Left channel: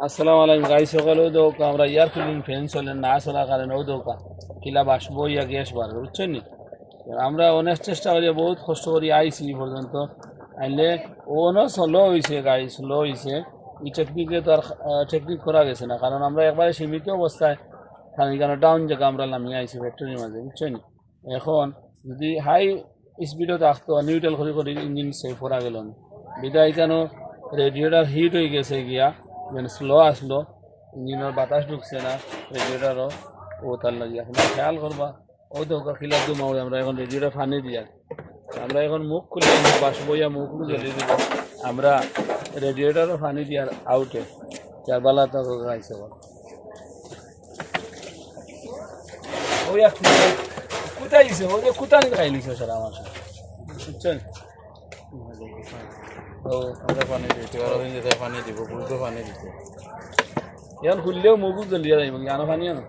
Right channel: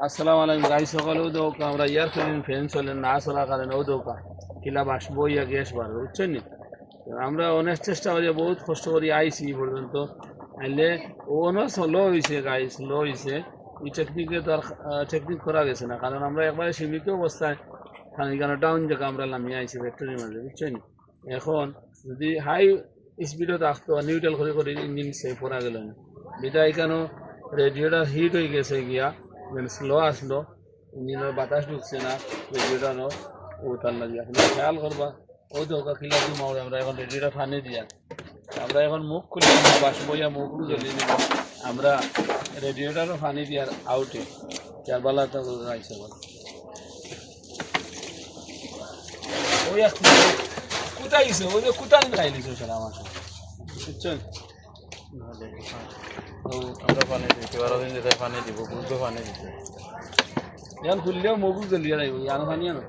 আসসালামু আলাইকুম গাই সকলেও দৌকা আমরা এয়ার ফিলিং ফ্যান চলেন না চলার কারণেও দৌকা কিলা বাসবো ইয়া গ্যাস বাড়বে বুঝছেন নি আমরা অনেক চেষ্টা করি বহুত কষ্ট করি আইসি এই পর্যন্ত আইলে ওনও স্লো হয়েছে গাড়ি স্লো হয়েছে এই টেকনিকে তো আর টেকনিক করা গেছে না কারণ আমরা একবারে সীমিত অবস্থায় কারণ এখানে ডাউন জায়গা আমরা নামিয়ে আইসি ফ্যাক্টরির মাঝে বুঝছেন নি এখন যদি হাই স্পিডও থাকতো নিউট্রাল করে করে ইঞ্জিন সেভ করা গেল না বিদায় কেন রেডিওটার হিট হয়ে গেছে গিয়া মানে স্লো আসলো ইঞ্জিনের বাতাস ঢুকছে না রেডিওটারও ও তার লাগে এখন খেয়াল করবা ও তো ওকে খিলার দিয়ে মারে আমরা এখন রেডিওটা ফানি দিয়া আমরা এখন মুখ খুলে বাসবো ইয়া মুখ জ্বলিয়ে দিব আমরা রেডিওটারও ফানি দিয়ার আউটে চার বেলা তো গাইছে বল ওই এক কোথায় গেছে ওই যে কোথায় খাই নিছে স্যার আমার সাথে বুঝছেন তো আমরা পানি দিতে আরো দিন যেতে পানি দিব বুঝতে পানি দিতে এখন খুললেও মুখ জ্বলিয়ে যাইব জানো ফানি আনো